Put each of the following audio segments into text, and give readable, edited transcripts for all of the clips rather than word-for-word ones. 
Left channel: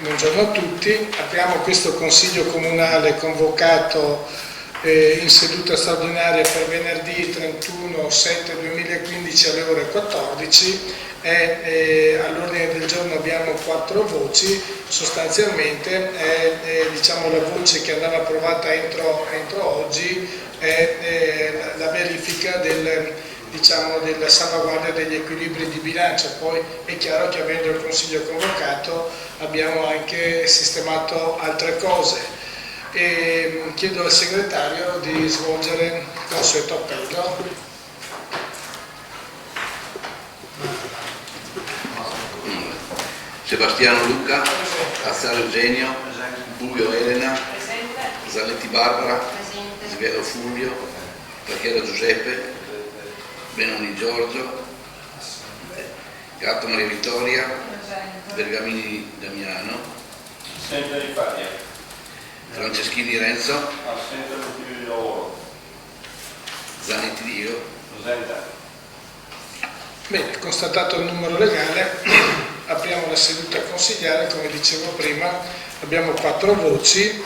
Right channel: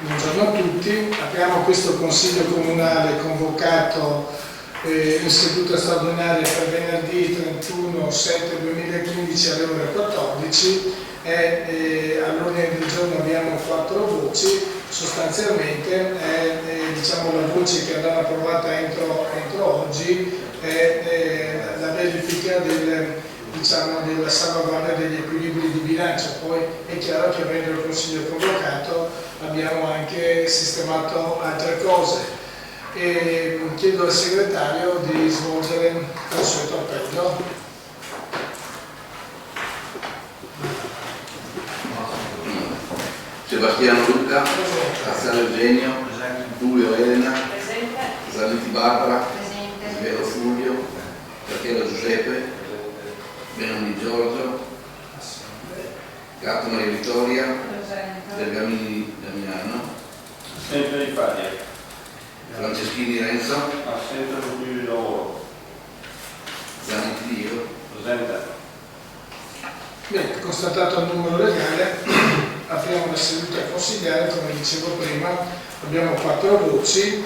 Buongiorno a tutti, apriamo questo Consiglio Comunale convocato in seduta straordinaria per venerdì 31/7/2015 alle ore 14 e all'ordine del giorno abbiamo 4 voci, sostanzialmente diciamo, la voce che andava approvata entro oggi è la verifica della salvaguardia degli equilibri di bilancio. Poi è chiaro che avendo il Consiglio convocato abbiamo anche sistemato altre cose e chiedo al segretario di svolgere il consueto appello. Sebastiano Luca, Cazzaro Eugenio, Buio Elena, Zaletti Barbara, Svero Fulvio, Rachela Giuseppe, Benoni Giorgio, Gatto Maria Vittoria, Bergamini Damiano, Assente di Fadia, Franceschini Renzo, assente l'ufficio di lavoro, Zanetti Dio. presente. Bene, constatato il numero legale, apriamo la seduta consigliare. Come dicevo prima, abbiamo 4 voci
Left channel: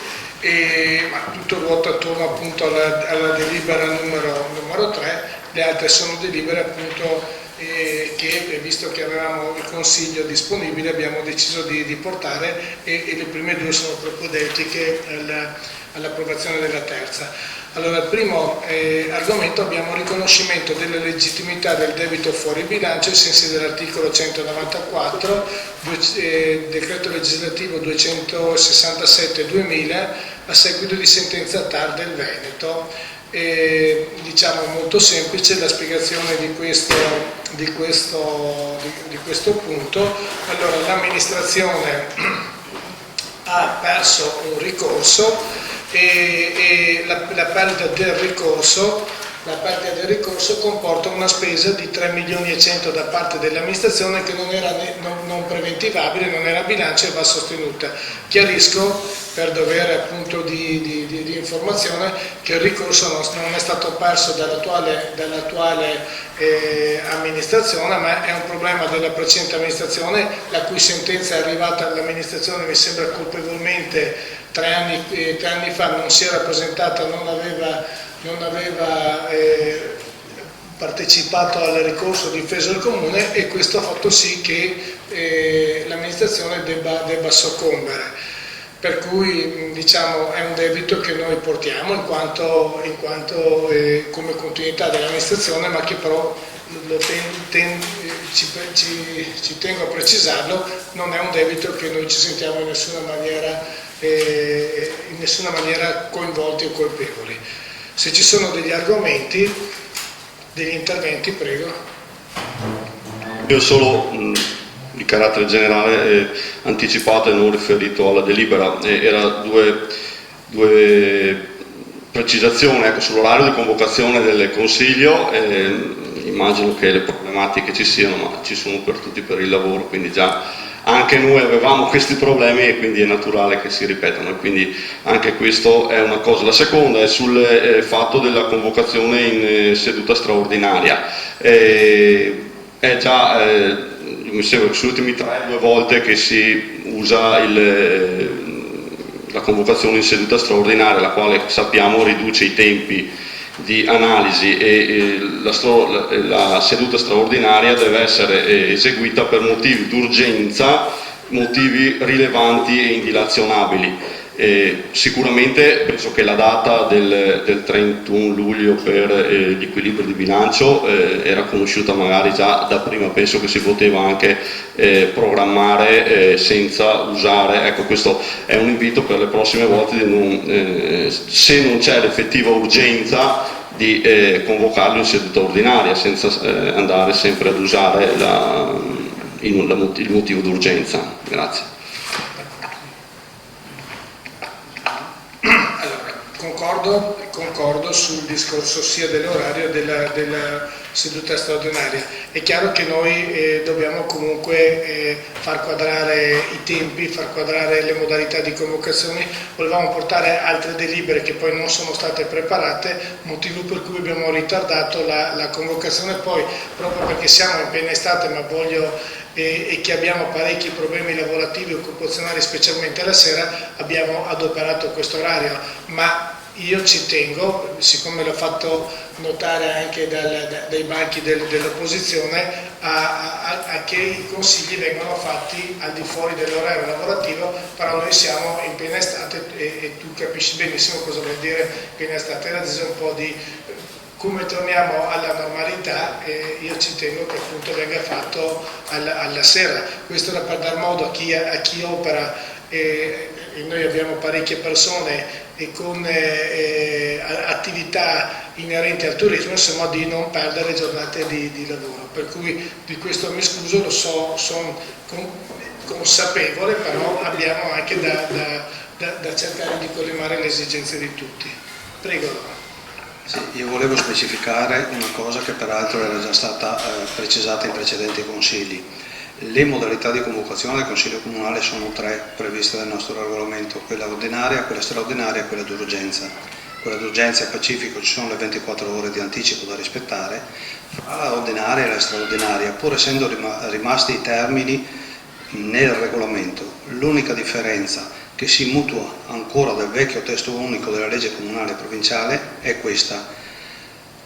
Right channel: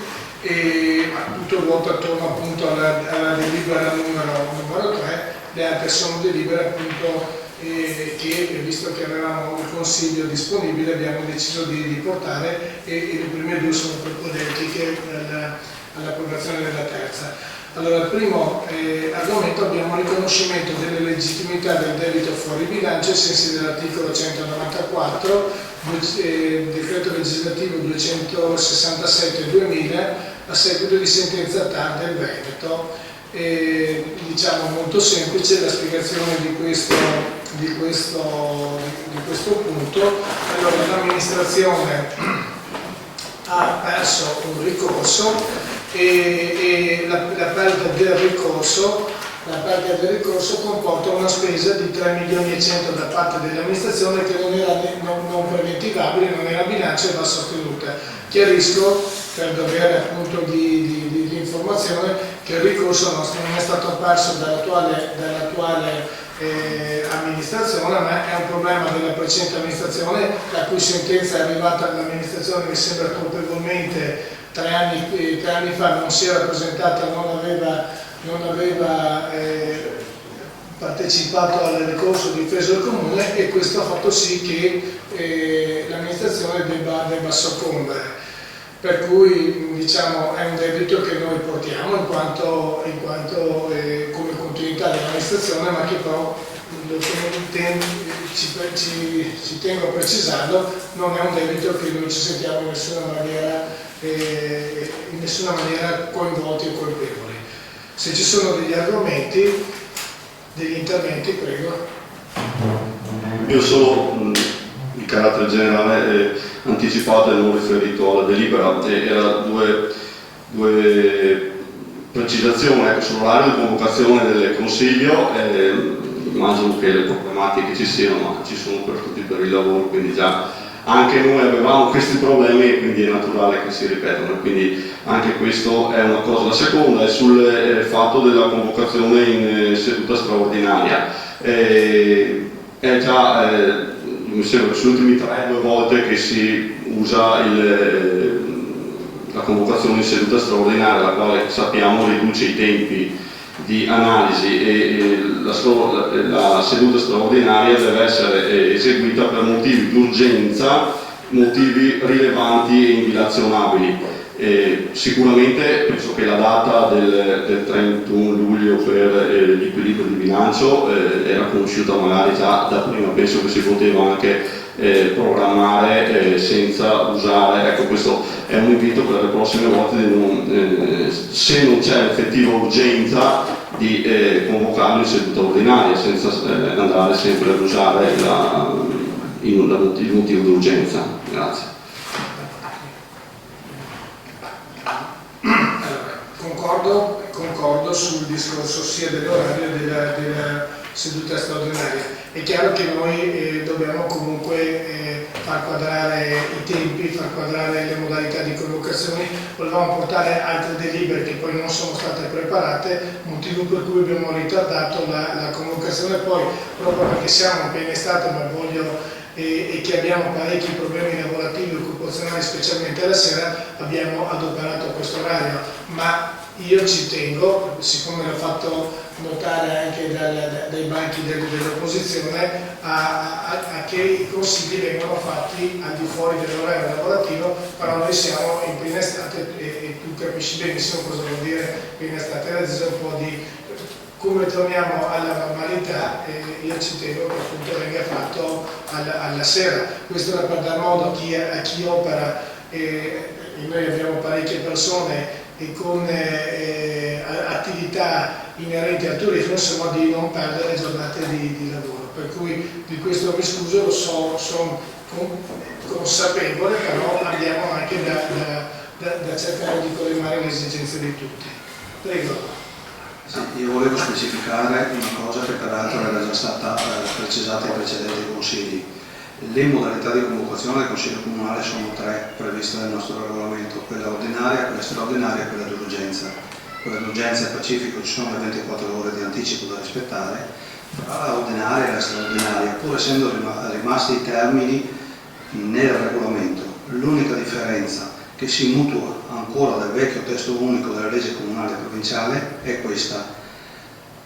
ma tutto ruota attorno appunto alla delibera numero 3. Le altre sono delibere appunto che, visto che avevamo il Consiglio disponibile, abbiamo deciso di portare e le prime 2 sono propedeutiche all'approvazione della terza. Allora, il primo argomento abbiamo riconoscimento della legittimità del debito fuori bilancio ai sensi dell'articolo 194, decreto legislativo 267/2000, a seguito di sentenza TAR del Veneto. Diciamo molto semplice la spiegazione di questo punto. Allora, l'amministrazione ha perso un ricorso e la perdita del ricorso comporta una spesa di 3.100.000 da parte dell'amministrazione che non era non preventivabile, non era bilancio e va sostenuta. Chiarisco, per dovere appunto di informazione, che il ricorso non è stato perso dall'attuale amministrazione, ma è un problema della precedente amministrazione, la cui sentenza è arrivata all'amministrazione, mi sembra colpevolmente 3 anni fa, non si era presentata, non aveva partecipato al ricorso difeso del comune, e questo ha fatto sì che l'amministrazione debba soccombere. Per cui diciamo è un debito che noi portiamo in quanto come continuità dell'amministrazione, ma che però ci tengo a precisarlo, non è un debito che noi ci sentiamo in nessuna maniera coinvolti o colpevoli. Se ci sono degli argomenti, degli interventi, prego. Io solo di carattere generale anticipato e non riferito alla delibera, era due precisazioni sull'orario di convocazione del Consiglio. Immagino che le problematiche ci siano, ma ci sono per tutti per il lavoro, quindi già anche noi avevamo questi problemi e quindi è naturale che si ripetano, e quindi anche questo è una cosa. La seconda è sul fatto della convocazione in seduta straordinaria. È già mi sembra che sulle ultime 2 volte che si usa la convocazione in seduta straordinaria, la quale sappiamo riduce i tempi di analisi, e la seduta straordinaria deve essere eseguita per motivi d'urgenza, motivi rilevanti e indilazionabili. Sicuramente penso che la data del 31 luglio per l'equilibrio di bilancio era conosciuta magari già da prima, penso che si poteva anche programmare senza usare, ecco, questo è un invito per le prossime volte se non c'è l'effettiva urgenza di convocarlo in seduta ordinaria, senza andare sempre ad usare il motivo d'urgenza. Grazie. Concordo sul discorso sia dell'orario seduta straordinaria. È chiaro che noi dobbiamo comunque far quadrare i tempi, far quadrare le modalità di convocazioni. Volevamo portare altre delibere che poi non sono state preparate, motivo per cui abbiamo ritardato la convocazione. Poi, proprio perché siamo in piena estate, ma e che abbiamo parecchi problemi lavorativi e occupazionali, specialmente la sera, abbiamo adoperato questo orario. Ma io ci tengo, siccome l'ho fatto notare anche dai banchi dell'opposizione, a che i consigli vengano fatti al di fuori dell'orario lavorativo, però noi siamo in piena estate e tu capisci benissimo cosa vuol dire piena estate. Era un po' di come torniamo alla normalità, io ci tengo che appunto venga fatto alla sera. Questo era per dar modo a chi opera, e noi abbiamo parecchie persone e con attività inerenti al turismo, insomma, di non perdere giornate di lavoro. Per cui di questo mi scuso, lo so, sono consapevole, però abbiamo anche da cercare di collimare le esigenze di tutti. Prego. Sì, io volevo specificare una cosa che peraltro era già stata precisata in precedenti consigli. Le modalità di convocazione del Consiglio Comunale sono 3 previste dal nostro regolamento: quella ordinaria, quella straordinaria e quella d'urgenza. Quella d'urgenza è pacifico, ci sono le 24 ore di anticipo da rispettare. Fra la ordinaria e la straordinaria, pur essendo rimasti i termini nel regolamento, l'unica differenza che si mutua ancora dal vecchio testo unico della legge comunale e provinciale è questa:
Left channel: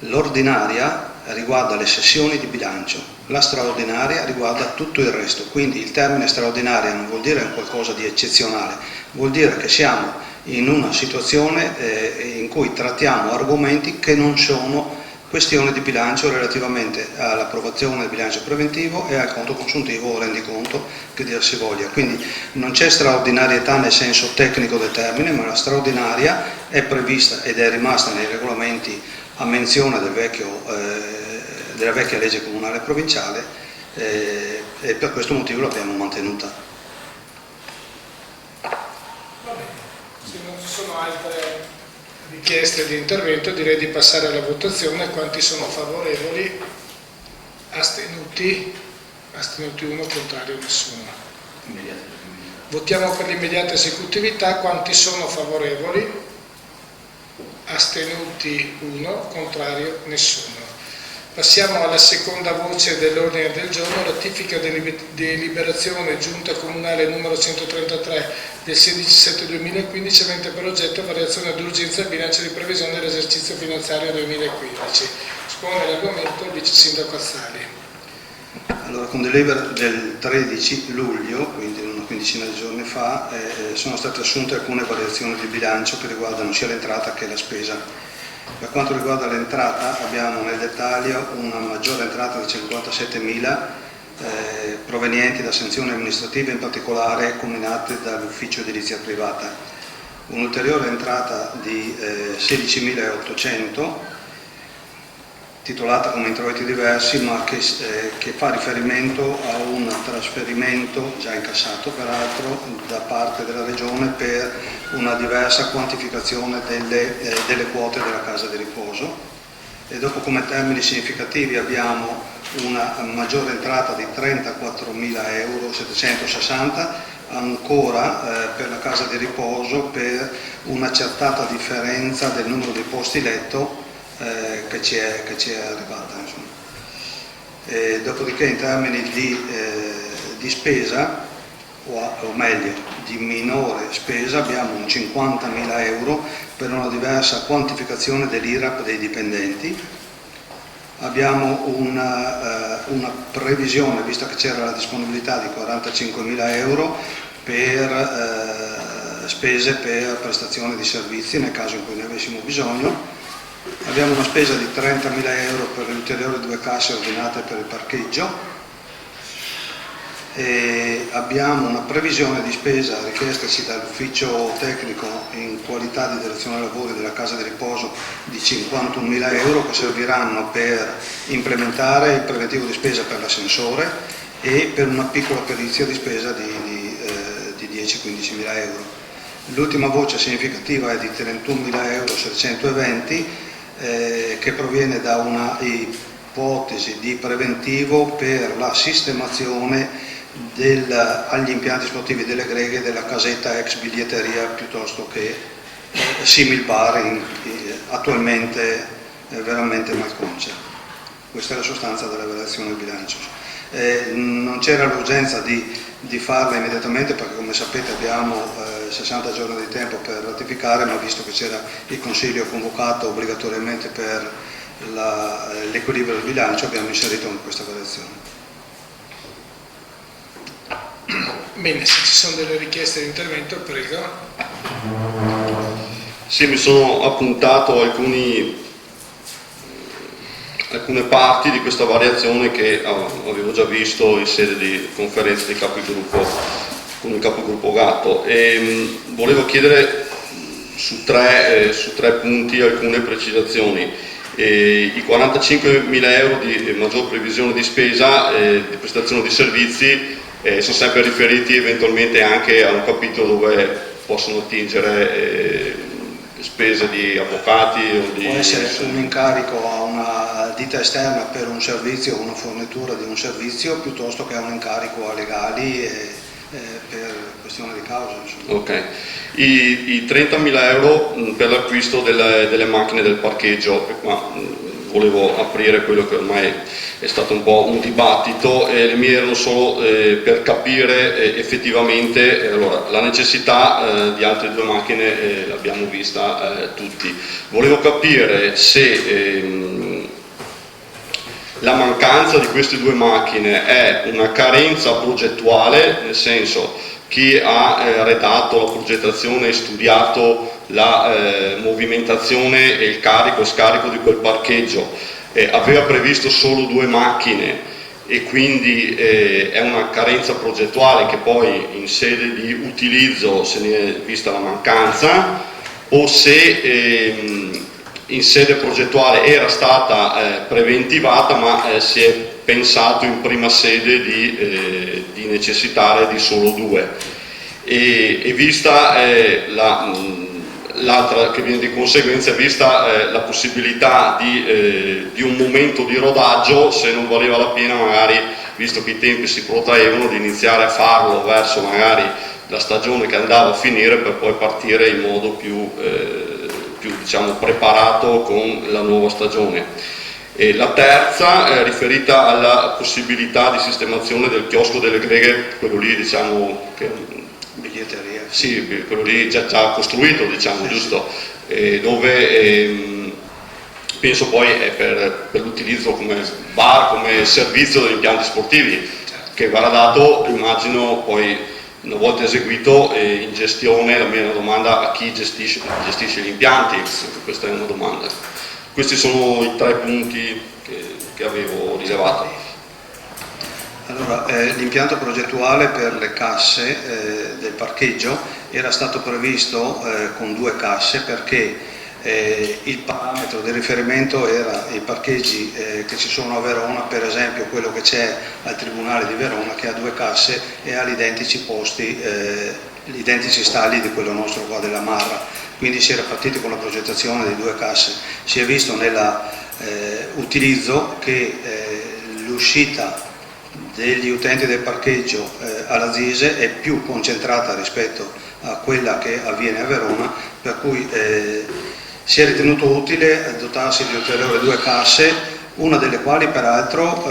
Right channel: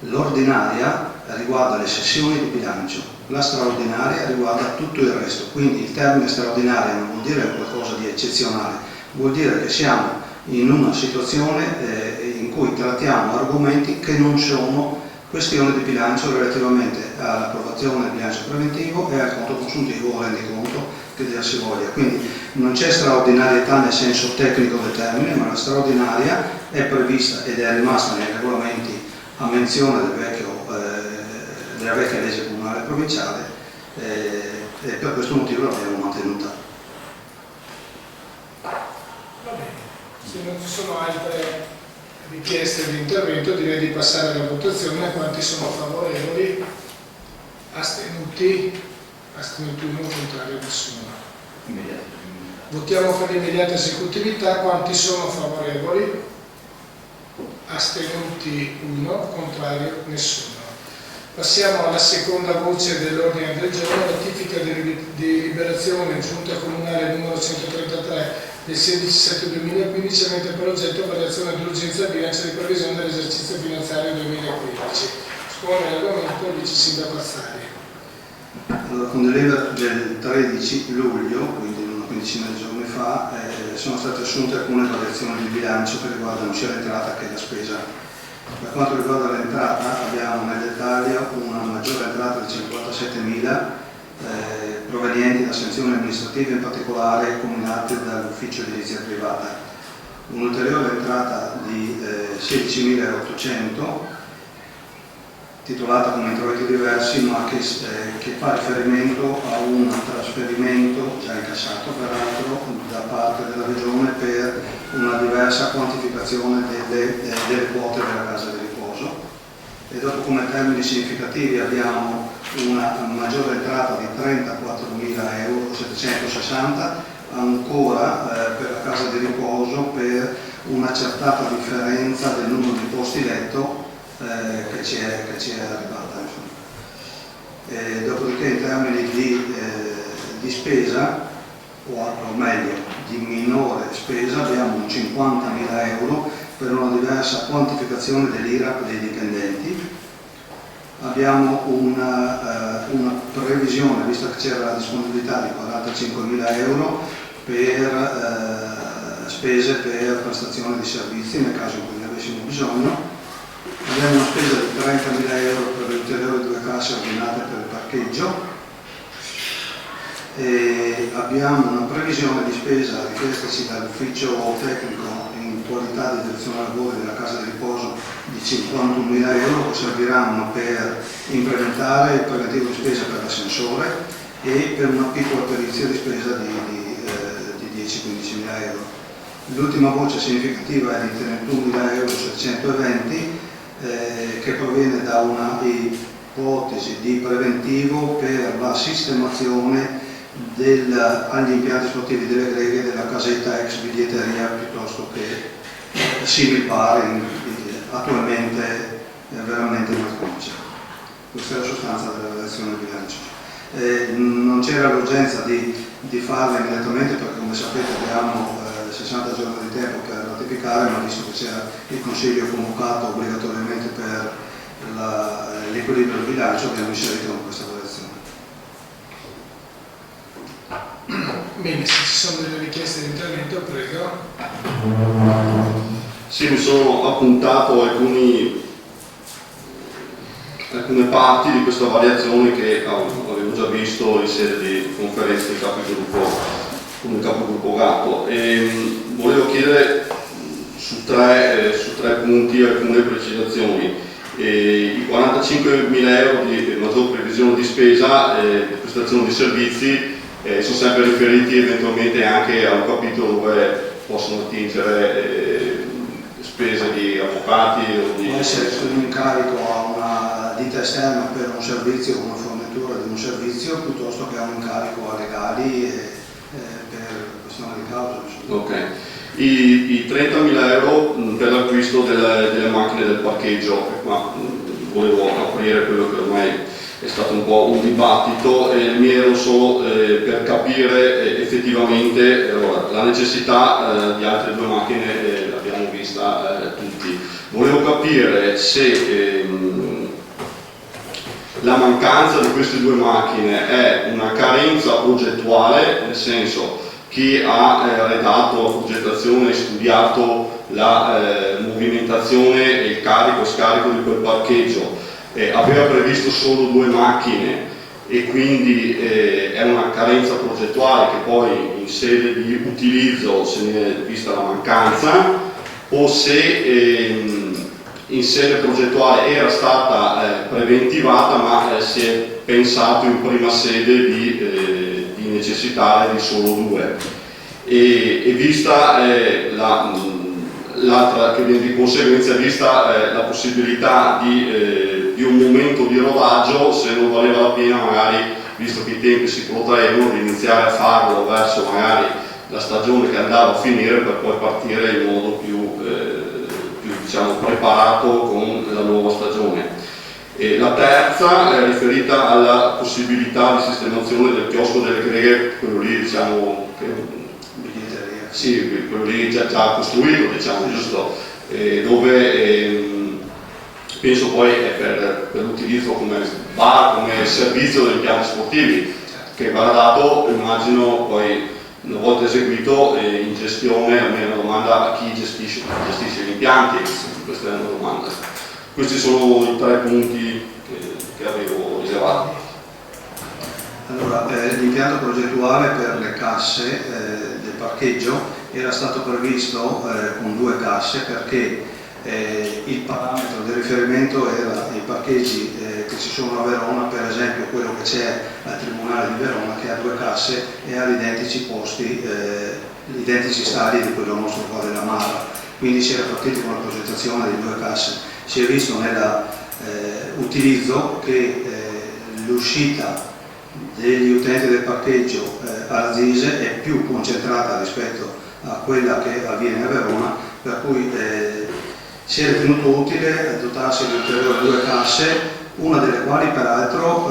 l'ordinaria riguarda le sessioni di bilancio, la straordinaria riguarda tutto il resto. Quindi il termine straordinaria non vuol dire qualcosa di eccezionale, vuol dire che siamo in una situazione in cui trattiamo argomenti che non sono questione di bilancio relativamente all'approvazione del bilancio preventivo e al conto consuntivo o rendiconto, che dir si voglia. Quindi non c'è straordinarietà nel senso tecnico del termine, ma la straordinaria è prevista ed è rimasta nei regolamenti a menzione della vecchia legge comunale e provinciale, e per questo motivo l'abbiamo mantenuta. Va bene, se non ci sono altre richieste di intervento, direi di passare alla votazione. Quanti sono favorevoli? Astenuti? Astenuti 1, contrario nessuno. Votiamo per l'immediata esecutività. Quanti sono favorevoli? Astenuti 1, contrario nessuno. Passiamo alla seconda voce dell'ordine del giorno: ratifica deliberazione giunta comunale numero 133 del 16/7/2015 avente per oggetto variazione d'urgenza al bilancio di previsione dell'esercizio finanziario 2015. Espone l'argomento il vice sindaco Azzali. Allora, con delibera del 13 luglio, quindi una quindicina di giorni fa, sono state assunte alcune variazioni di bilancio che riguardano sia l'entrata che la spesa. Per quanto riguarda l'entrata, abbiamo nel dettaglio una maggiore entrata di 57.000 provenienti da sanzioni amministrative, in particolare combinate dall'ufficio edilizia privata, un'ulteriore entrata di 16.800 titolata come introiti diversi, ma che fa riferimento a un trasferimento già incassato peraltro da parte della Regione per una diversa quantificazione delle quote della casa di riposo. E dopo, come termini significativi, abbiamo una maggiore entrata di 34.760 ancora per la casa di riposo, per un'accertata differenza del numero di posti letto che ci è arrivata. Dopodiché, in termini di spesa, o meglio di minore spesa, abbiamo un 50.000 euro per una diversa quantificazione dell'IRAP dei dipendenti. Abbiamo una previsione, visto che c'era la disponibilità di 45.000 euro per spese per prestazione di servizi nel caso in cui ne avessimo bisogno. Abbiamo una spesa di 30.000 euro per le ulteriori 2 casse ordinate per il parcheggio. E abbiamo una previsione di spesa richiestaci dall'ufficio tecnico in qualità di direzione lavori della casa di riposo di 51.000 euro, che serviranno per implementare il preventivo di spesa per l'ascensore e per una piccola perizia di spesa di 10-15.000 euro. L'ultima voce significativa è di 31.620 euro che proviene da una ipotesi di preventivo per la sistemazione agli impianti sportivi delle greghe della casetta ex biglietteria piuttosto che simil bar attualmente veramente malconce. Questa è la sostanza della relazione del bilancio. Non c'era l'urgenza di farla immediatamente perché, come sapete, abbiamo 60 giorni di tempo per ratificare, ma visto che c'era il Consiglio convocato obbligatoriamente per l'equilibrio del bilancio, abbiamo inserito questa variazione. Bene, se ci sono delle richieste di intervento, prego. Sì, mi sono appuntato alcune parti di questa variazione che avevo già visto in sede di conferenza di capigruppo con il capogruppo Gatto, e volevo chiedere su tre punti alcune precisazioni. I 45.000 euro di maggior previsione di spesa di prestazione di servizi sono sempre riferiti eventualmente anche a un capitolo dove possono attingere spese di avvocati o di... Può essere un incarico a una ditta esterna per un servizio o una fornitura di un servizio, piuttosto che a un incarico a legali per questione di causa. Insomma. Ok. I 30.000 euro per l'acquisto delle macchine del parcheggio, ma volevo aprire quello che ormai è stato un po' un dibattito, e mi erano solo per capire effettivamente allora, la necessità di altre due macchine l'abbiamo vista tutti. Volevo capire se la mancanza di queste due macchine è una carenza progettuale, nel senso chi ha redatto la progettazione e studiato la movimentazione e il carico e scarico di quel parcheggio aveva previsto solo due macchine e quindi è una carenza progettuale che poi in sede di utilizzo se ne è vista la mancanza, o se in sede progettuale era stata preventivata ma si è pensato in prima sede di necessitare di solo due, e vista l'altra che viene di conseguenza, vista la possibilità di un momento di rodaggio, se non valeva la pena magari, visto che i tempi si protraevano, di iniziare a farlo verso magari la stagione che andava a finire per poi partire in modo più diciamo, preparato con la nuova stagione. E la terza è riferita alla possibilità di sistemazione del chiosco delle greghe, quello lì diciamo che Biglietteria. sì, quello lì già costruito, diciamo, giusto, dove penso poi è per l'utilizzo come bar, come servizio degli impianti sportivi, che verrà dato, immagino, poi una volta eseguito in gestione. La mia domanda: a chi gestisce gli impianti? Questa è una domanda. Questi sono i tre punti che avevo rilevato. Allora, l'impianto progettuale per le casse del parcheggio era stato previsto con due casse perché il parametro di riferimento era i parcheggi che ci sono a Verona, per esempio quello che c'è al Tribunale di Verona, che ha due casse e ha gli identici posti, gli identici stalli di quello nostro qua della Marra. Quindi si era partiti con la progettazione di due casse. Si è visto nell'utilizzo che l'uscita degli utenti del parcheggio alla Zise è più concentrata rispetto a quella che avviene a Verona, per cui si è ritenuto utile dotarsi di ulteriori due casse, una delle quali peraltro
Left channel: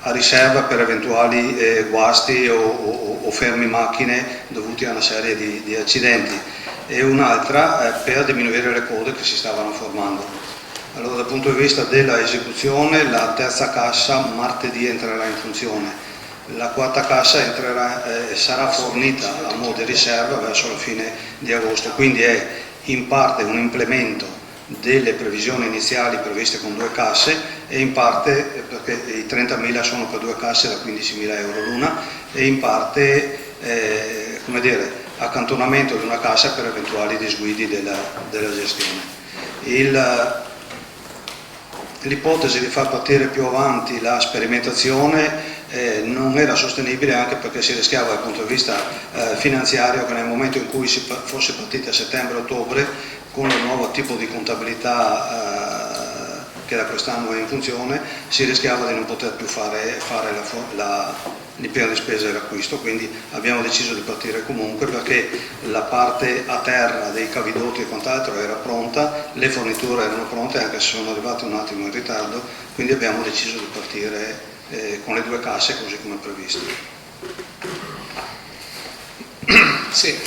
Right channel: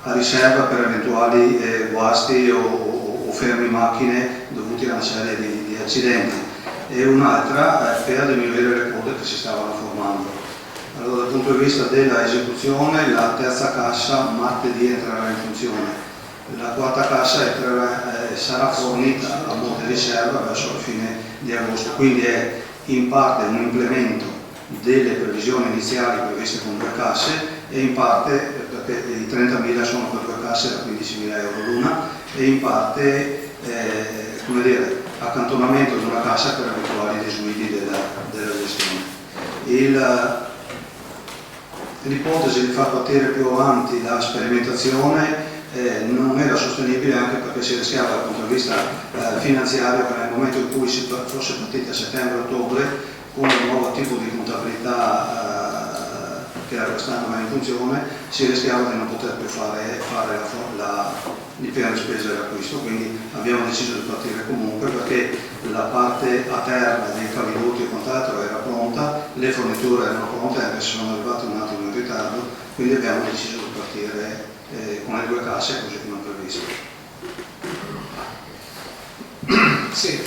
a riserva per eventuali guasti o fermi macchine dovuti a una serie di accidenti, e un'altra per diminuire le code che si stavano formando. Allora, dal punto di vista della esecuzione, la terza cassa martedì entrerà in funzione, la quarta cassa sarà fornita a mo' di riserva verso la fine di agosto, quindi è in parte un implemento delle previsioni iniziali previste con due casse e in parte, perché i 30.000 sono per due casse da 15.000 euro l'una, e in parte come dire, accantonamento di una cassa per eventuali disguidi della gestione. L'ipotesi di far partire più avanti la sperimentazione non era sostenibile, anche perché si rischiava dal punto di vista finanziario che nel momento in cui si fosse partiti a settembre-ottobre con un nuovo tipo di contabilità che da quest'anno è in funzione, si rischiava di non poter più fare l'impiego di spesa e l'acquisto, quindi abbiamo deciso di partire comunque perché la parte a terra dei cavidotti e quant'altro era pronta, le forniture erano pronte anche se sono arrivate un attimo in ritardo, quindi abbiamo deciso di partire con le 2 casse così come previsto. Sì,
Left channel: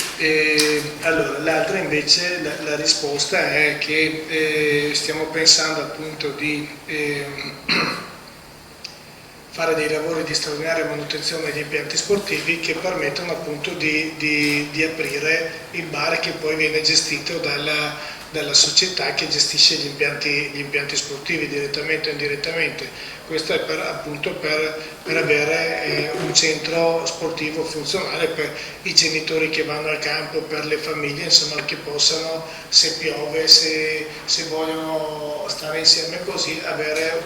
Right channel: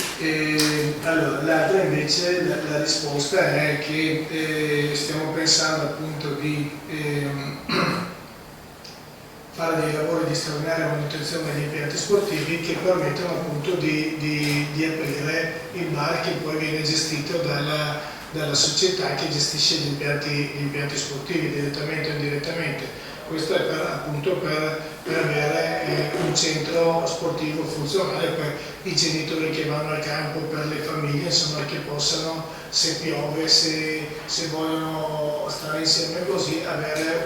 allora l'altra invece la risposta è che stiamo pensando appunto di fare dei lavori di straordinaria manutenzione degli impianti sportivi che permettono appunto di aprire il bar che poi viene gestito dalla società che gestisce gli impianti sportivi direttamente o indirettamente. Questo è appunto per avere un centro sportivo funzionale per i genitori che vanno al campo, per le famiglie, insomma, che possano, se piove, se vogliono stare insieme così, avere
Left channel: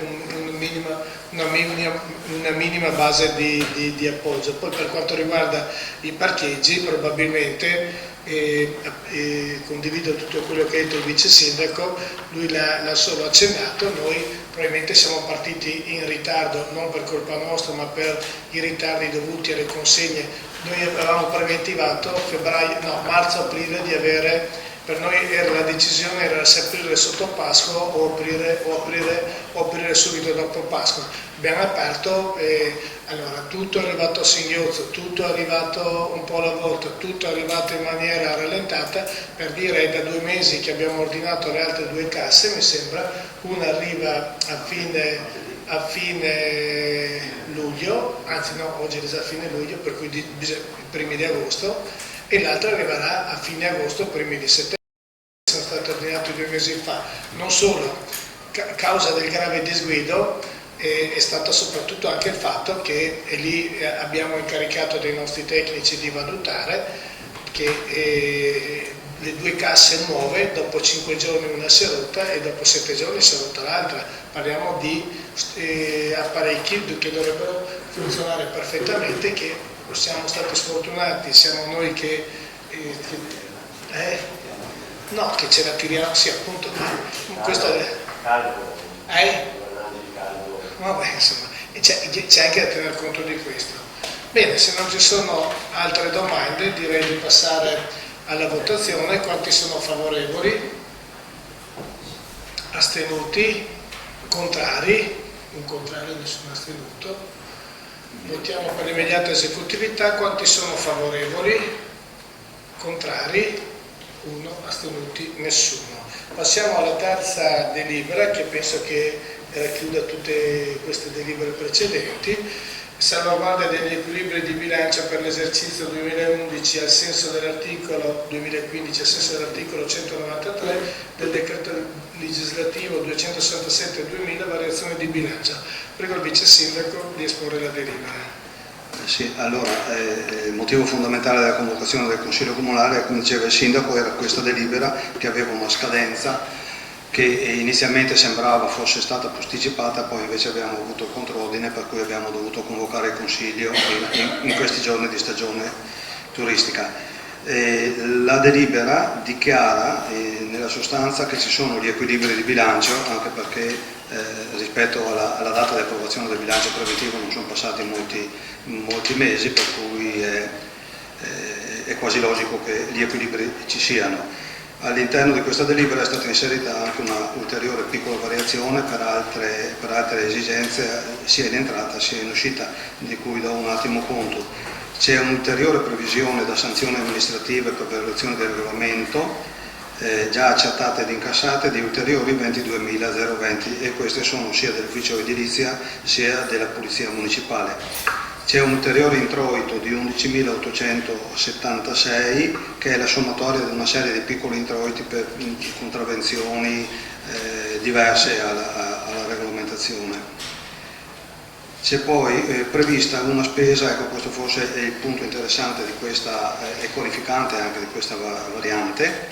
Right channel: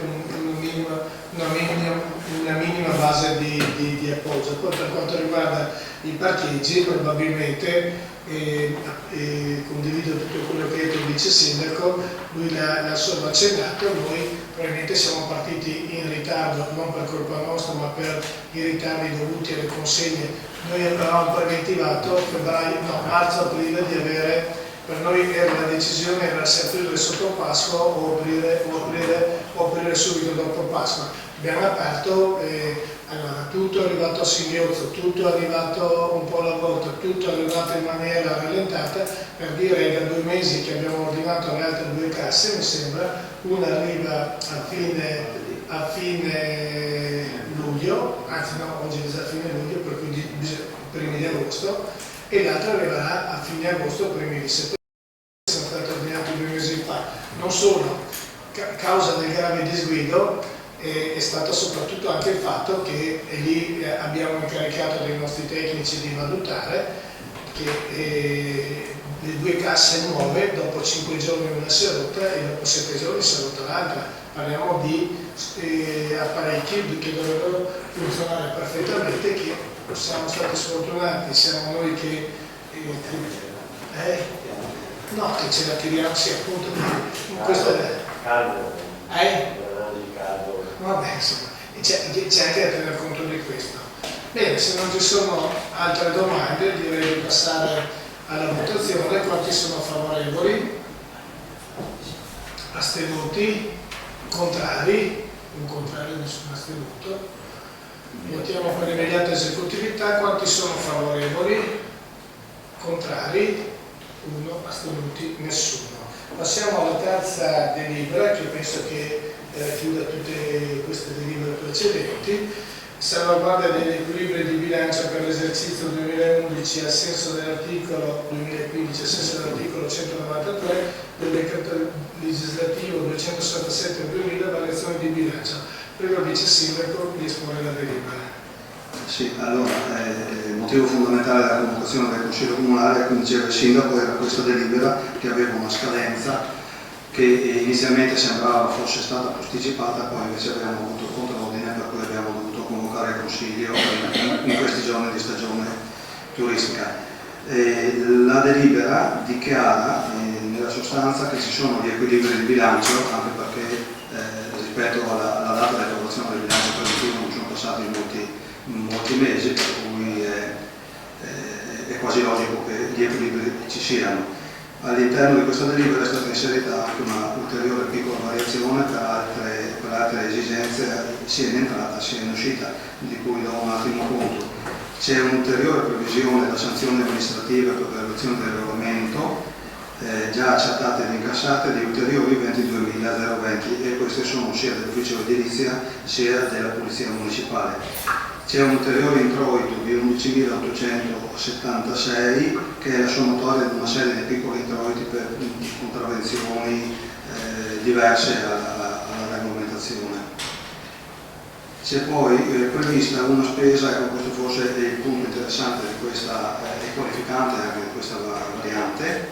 una minima base di appoggio. Poi per quanto riguarda i parcheggi, probabilmente condivido tutto quello che ha detto il vice sindaco, lui l'ha solo accennato, noi probabilmente siamo partiti in ritardo, non per colpa nostra ma per i ritardi dovuti alle consegne. Noi avevamo preventivato marzo-aprile di avere, per noi la decisione era se aprire sotto Pasqua o aprire subito dopo Pasqua. Abbiamo aperto, allora tutto è arrivato a singhiozzo, tutto è arrivato un po' alla volta, tutto è arrivato in maniera rallentata, per dire da 2 mesi che abbiamo ordinato le altre 2 casse, mi sembra, una arriva a fine luglio, anzi no, oggi è già fine luglio, per cui primi di agosto, e l'altra arriverà a fine agosto, primi di settembre. Sono stati ordinati 2 mesi fa, non solo, causa del grave disguido è stato soprattutto anche il fatto che lì abbiamo incaricato dei nostri tecnici di valutare che le 2 casse nuove dopo 5 giorni una si è rotta e dopo 7 giorni si è rotta l'altra. Parliamo di apparecchi che dovrebbero funzionare perfettamente, che siamo stati sfortunati, siamo noi che ce la tiriamo, sì appunto, questo è vabbè, insomma, c'è anche da tener conto di questo. Bene, se non ci sono altre domande direi di passare alla votazione. Quanti sono favorevoli? Astenuti? Contrari? Un contrario, nessun astenuto. Votiamo per l'immediata esecutività. Quanti sono favorevoli? Contrari? 1, astenuti? Nessuno. Passiamo alla terza delibera, che penso che chiuda tutte queste delibere precedenti. Salvaguardia degli equilibri di bilancio per l'esercizio 2011 al senso dell'articolo 2015 al senso dell'articolo 193 del decreto legislativo 267/2000, variazione di bilancio. Prego il vice sindaco di esporre la delibera. Sì, allora, il motivo fondamentale della convocazione del Consiglio Comunale, come diceva il Sindaco, era questa delibera che aveva una scadenza che inizialmente sembrava fosse stata posticipata, poi invece abbiamo avuto il contrordine, per cui abbiamo dovuto convocare il Consiglio in questi giorni di stagione turistica. La delibera dichiara nella sostanza che ci sono gli equilibri di bilancio, anche perché rispetto alla data di approvazione del bilancio preventivo non sono passati molti mesi, per cui è quasi logico che gli equilibri ci siano. All'interno di questa delibera è stata inserita anche una ulteriore piccola variazione per altre esigenze sia in entrata sia in uscita, di cui do un attimo conto. C'è un'ulteriore previsione da sanzioni amministrative per violazione del regolamento già accertate ed incassate di ulteriori 22.020, e queste sono sia dell'ufficio edilizia sia della polizia municipale. C'è un ulteriore introito di 11.876 che è la sommatoria di una serie di piccoli introiti per contravvenzioni diverse alla regolamentazione. C'è poi prevista una spesa, ecco, questo forse è il punto interessante di questa e qualificante anche di questa variante,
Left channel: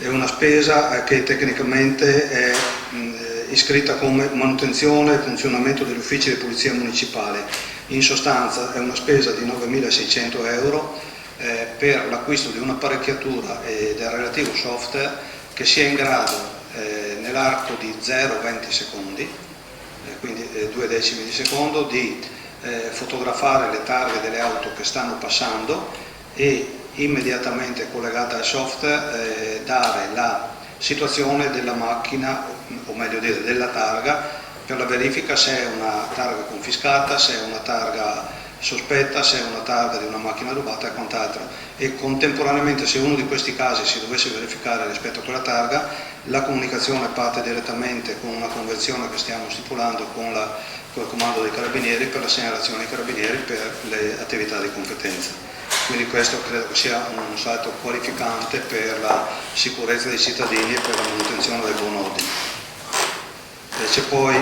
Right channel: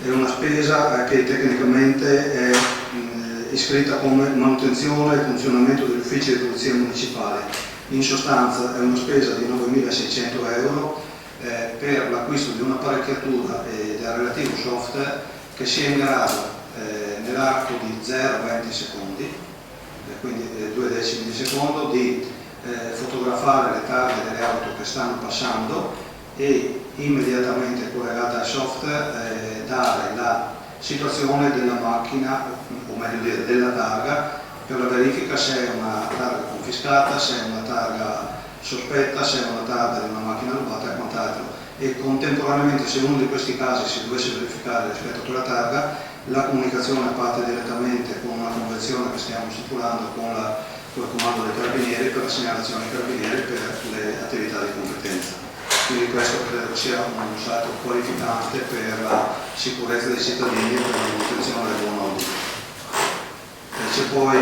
è una spesa che tecnicamente è iscritta come manutenzione e funzionamento degli uffici di polizia municipale. In sostanza è una spesa di 9.600 euro per l'acquisto di un'apparecchiatura e del relativo software che sia in grado nell'arco di 0,20 secondi, quindi 2 decimi di secondo, di fotografare le targhe delle auto che stanno passando e immediatamente collegata al software dare la situazione della macchina, o meglio dire della targa, per la verifica se è una targa confiscata, se è una targa sospetta, se è una targa di una macchina rubata e quant'altro. E contemporaneamente, se uno di questi casi si dovesse verificare rispetto a quella targa, la comunicazione parte direttamente con una convenzione che stiamo stipulando con il comando dei carabinieri per la segnalazione ai carabinieri per le attività di competenza. Quindi questo credo che sia un salto qualificante per la sicurezza dei cittadini e per la manutenzione del buon ordine. C'è poi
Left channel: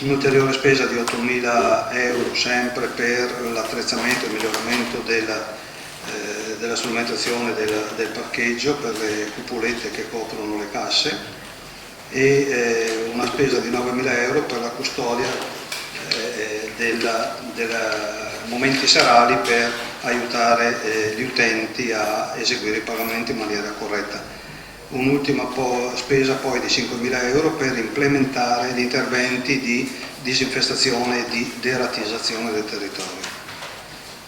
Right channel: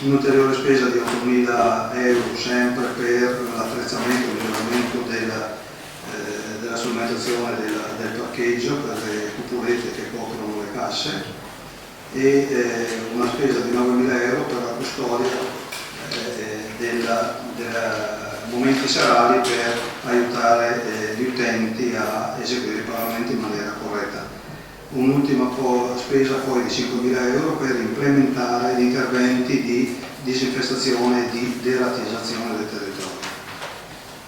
un'ulteriore spesa di 8.000 euro sempre per l'attrezzamento e il miglioramento della strumentazione del parcheggio per le cupolette che coprono le casse e una spesa di 9.000 euro per la custodia dei momenti serali per aiutare gli utenti a eseguire i pagamenti in maniera corretta. Un'ultima spesa poi di 5.000 euro per implementare gli interventi di disinfestazione e di deratizzazione del territorio.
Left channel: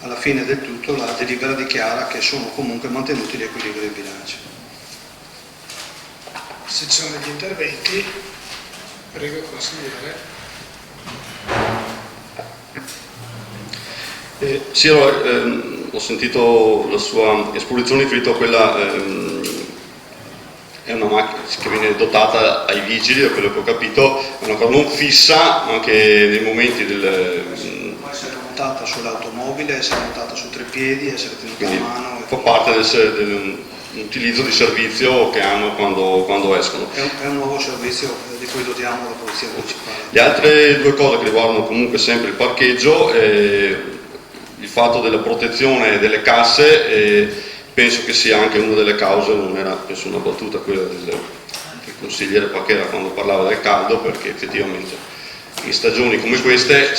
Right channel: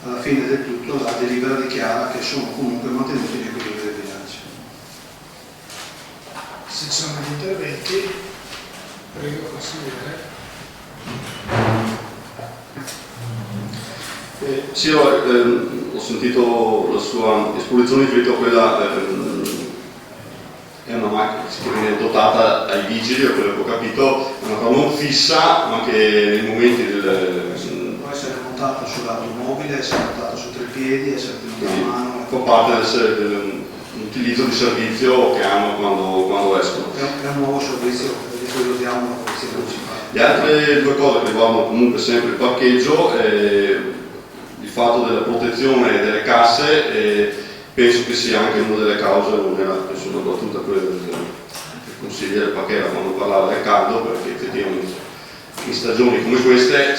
Alla fine del tutto la delibera dichiara che sono comunque mantenuti gli equilibri del bilancio. Se ci sono degli interventi, prego consigliere. Sì, ho sentito la sua esposizione riferito a quella, è una macchina che viene dotata ai vigili, da quello che ho capito, è una cosa non fissa, anche nei momenti Può essere montata sull'automobile, essere montata su 3 piedi, essere tenuta a mano. Fa parte dell'utilizzo di servizio che hanno quando escono. È un nuovo servizio di cui dotiamo la Polizia Municipale. Le altre due cose che riguardano comunque sempre il parcheggio, il fatto della protezione delle casse, penso che sia anche una delle cause, non era penso una battuta quella del consigliere Pacchera quando parlava del caldo, perché effettivamente in stagioni come queste,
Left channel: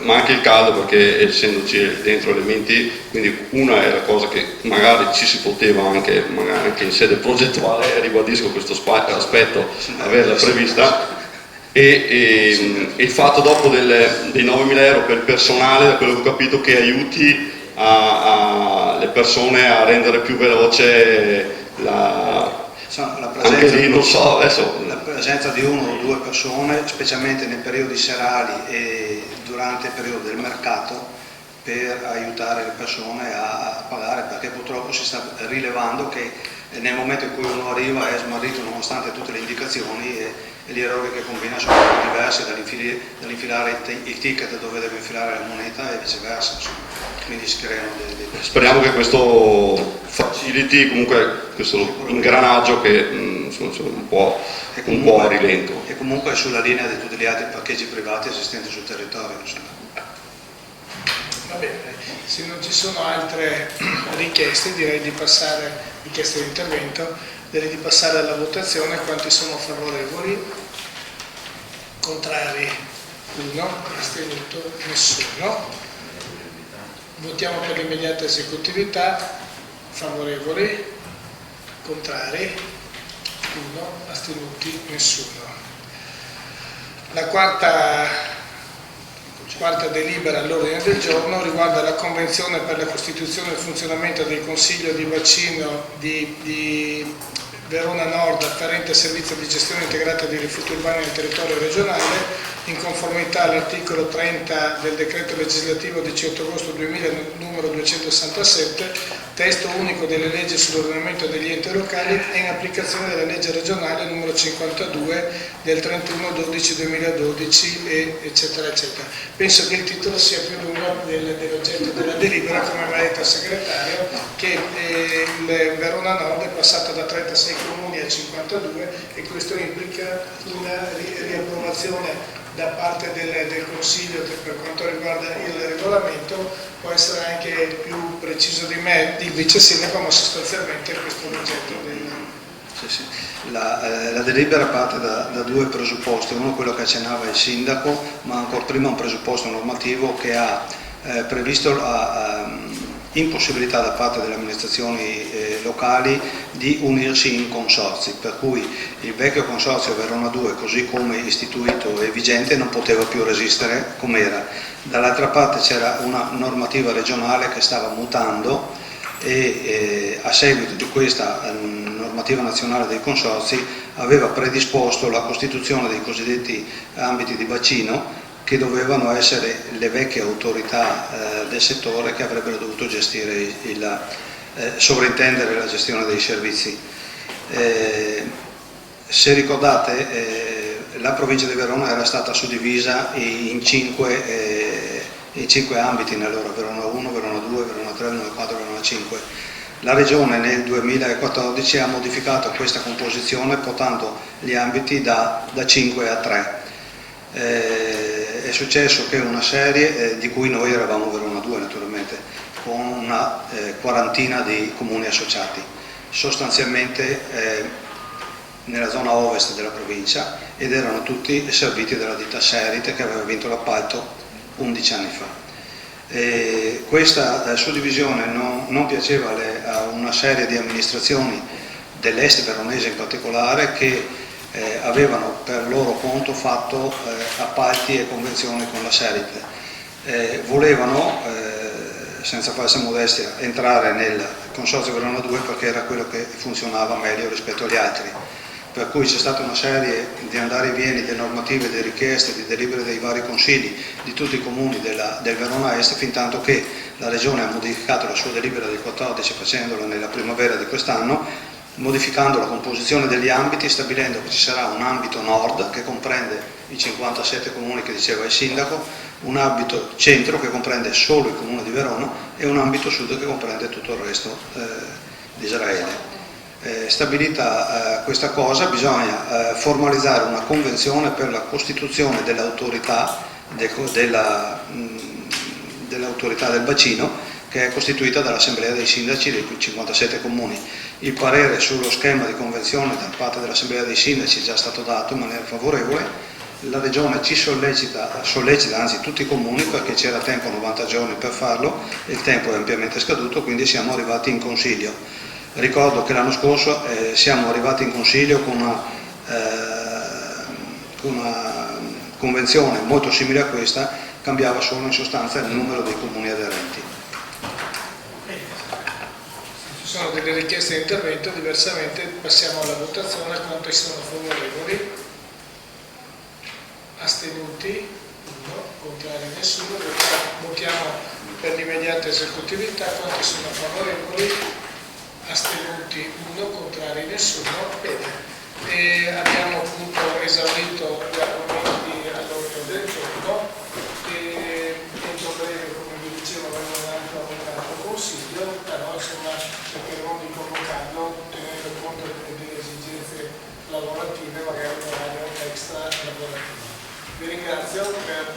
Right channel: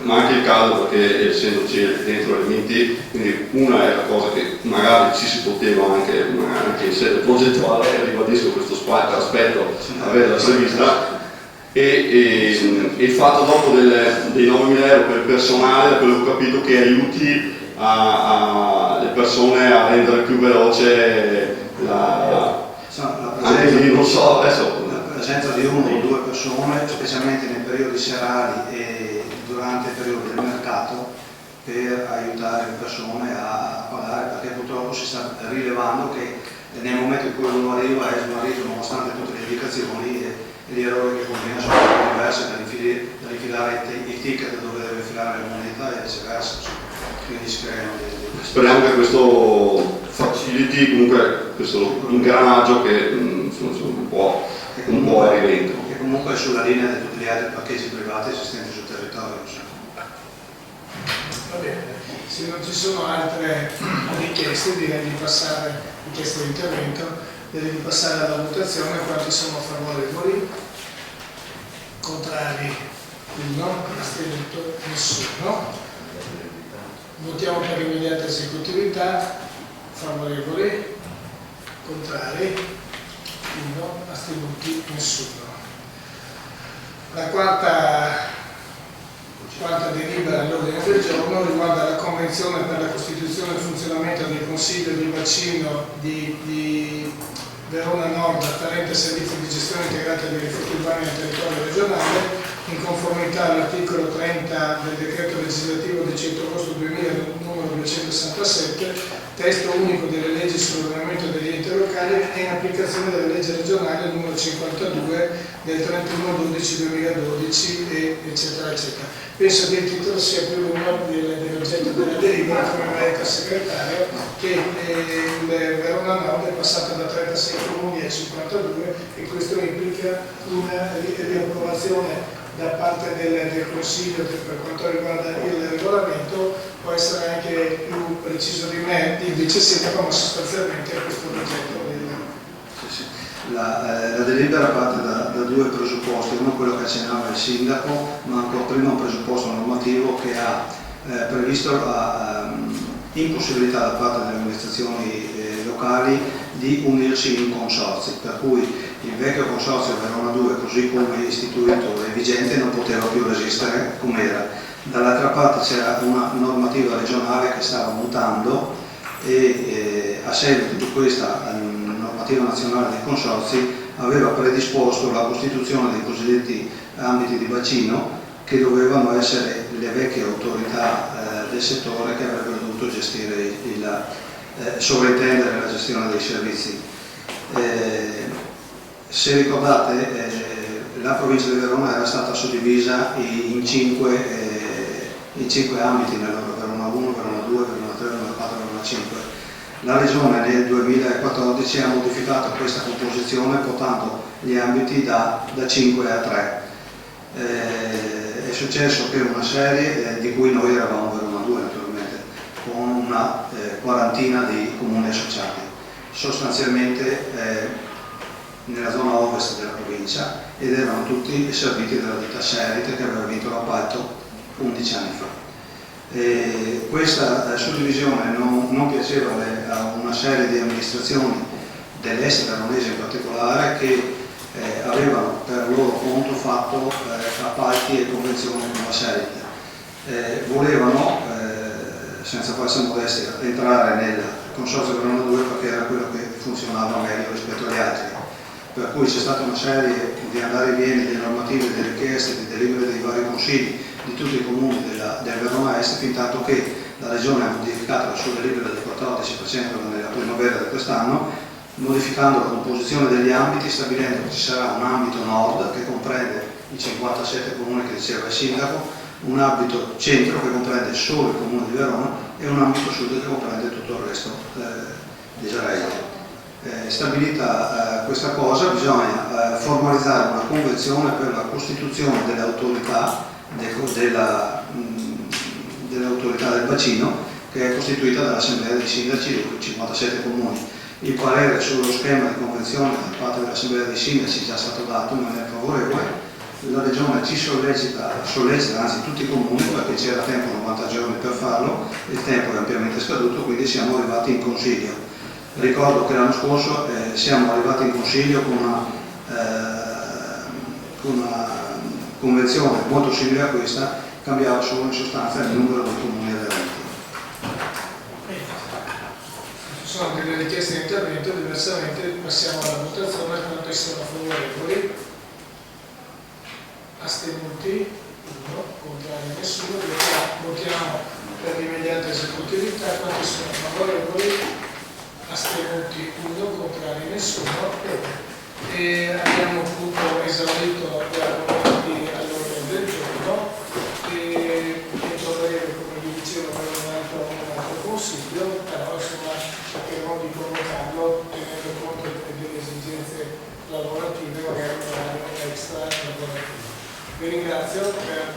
ma anche il caldo, perché essendoci dentro elementi, quindi una è la cosa che magari ci si poteva anche in sede progettuale, ribadisco questo aspetto, averla prevista. E il fatto dopo dei 9.000 euro per il personale, da quello che ho capito, che aiuti le persone a rendere più veloce anche lì, non so, adesso la presenza di 1 o 2 persone, specialmente nei periodi serali e durante il periodo del mercato, per aiutare le persone a pagare, perché purtroppo si sta rilevando che nel momento in cui uno arriva è smarrito nonostante tutte le indicazioni e gli errori che combina sono diversi, dall'infilare il ticket dove deve infilare la moneta e viceversa, quindi si creano speriamo che questo faciliti comunque questo ingranaggio che un po' è rilento. E comunque è sulla linea di tutti gli altri parcheggi privati esistenti sul territorio. Va bene, se non ci sono altre richieste direi di passare, richieste di intervento, direi di passare alla votazione. Quanti sono favorevoli? Contrari? 1, astenuto? Nessuno. Votiamo per l'immediata esecutività. Favorevoli? Contrari? 1, astenuti? Nessuno. La quarta delibera all'ordine del giorno riguarda la Convenzione per la costituzione e il funzionamento del Consiglio di bacino di Verona Nord afferente al servizio di gestione integrata dei rifiuti urbani nel territorio regionale, in conformità all'articolo 30 del decreto legislativo 18 agosto 2000 numero 267, testo unico delle leggi sull'ordinamento degli enti locali e in applicazione della legge regionale numero 52 del 31/12/2012 eccetera eccetera. Penso che il titolo sia più lungo dell'oggetto della delibera, come mi ha detto il segretario, che il Verona Nord è passato da 36 comuni a 52 e questo implica una riapprovazione da parte del Consiglio per quanto riguarda il regolamento. Può essere anche più preciso di me il vice sindaco, ma sostanzialmente questo è l'oggetto del... Sì. La delibera parte da 2 presupposti, uno è quello che accennava il sindaco, ma ancora prima un presupposto normativo che ha previsto la impossibilità da parte delle amministrazioni locali locali di unirsi in consorzi, per cui il vecchio consorzio Verona 2, così come istituito e vigente, non poteva più resistere com'era. Dall'altra parte c'era una normativa regionale che stava mutando e a seguito di questa normativa nazionale dei consorzi aveva predisposto la costituzione dei cosiddetti ambiti di bacino, che dovevano essere le vecchie autorità del settore che avrebbero dovuto gestire sovrintendere la gestione dei servizi. Se ricordate, la provincia di Verona era stata suddivisa in cinque ambiti nell'ora: Verona 1, Verona 2, Verona 3, Verona 4, Verona 5. La Regione nel 2014 ha modificato questa composizione portando gli ambiti da 5 a 3. È successo che una serie, di cui noi eravamo Verona 2 naturalmente, con una quarantina di comuni associati, sostanzialmente nella zona ovest della provincia, ed erano tutti serviti dalla ditta Serite, che aveva vinto l'appalto 11 anni fa. Questa suddivisione non piaceva a una serie di amministrazioni dell'est veronese in particolare, che avevano per loro conto fatto appalti e convenzioni con la Serite. Volevano, senza falsa modestia, entrare nel consorzio Verona 2 perché era quello che funzionava meglio rispetto agli altri. Per cui c'è stata una serie di andare e vieni di normative, di richieste, di delibere dei vari consigli di tutti i comuni del Verona Est, fin tanto che la Regione ha modificato la sua delibera del 14 facendola nella primavera di quest'anno, modificando la composizione degli ambiti, stabilendo che ci sarà un ambito nord che comprende i 57 comuni che diceva il sindaco, un ambito centro che comprende solo il comune di Verona e un ambito sud che comprende tutto il resto di Israele. Stabilita questa cosa, bisogna formalizzare una convenzione per la costituzione dell'autorità del bacino, che è costituita dall'assemblea dei sindaci dei 57 comuni. Il parere sullo schema di convenzione da parte dell'assemblea dei sindaci è già stato dato in maniera favorevole. La Regione ci sollecita anzi tutti i comuni, perché c'era tempo, 90 giorni per farlo, il tempo è ampiamente scaduto, quindi siamo arrivati in Consiglio. Ricordo che l'anno scorso siamo arrivati in Consiglio con una convenzione molto simile a questa, cambiava solo in sostanza il numero dei comuni aderenti. Se ci sono delle richieste di intervento, diversamente passiamo alla votazione. Quanti sono favorevoli? Astenuti? 1, contrari nessuno. Votiamo per l'immediata esecutività. Quanti sono favorevoli? Astenuti 1, contrari nessuno. E abbiamo appunto esaurito gli argomenti all'ordine del giorno e entro breve, come vi dicevo, avremo un altro consiglio, però insomma cercheremo di convocarlo tenendo conto delle esigenze lavorative, magari un orario extra lavorativo. Vi ringrazio per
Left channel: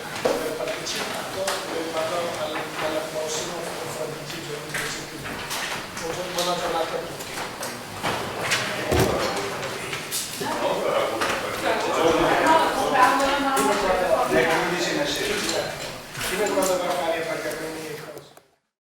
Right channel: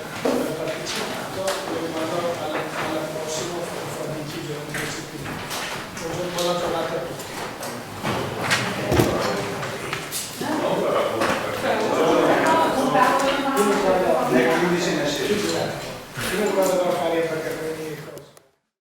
partecipare.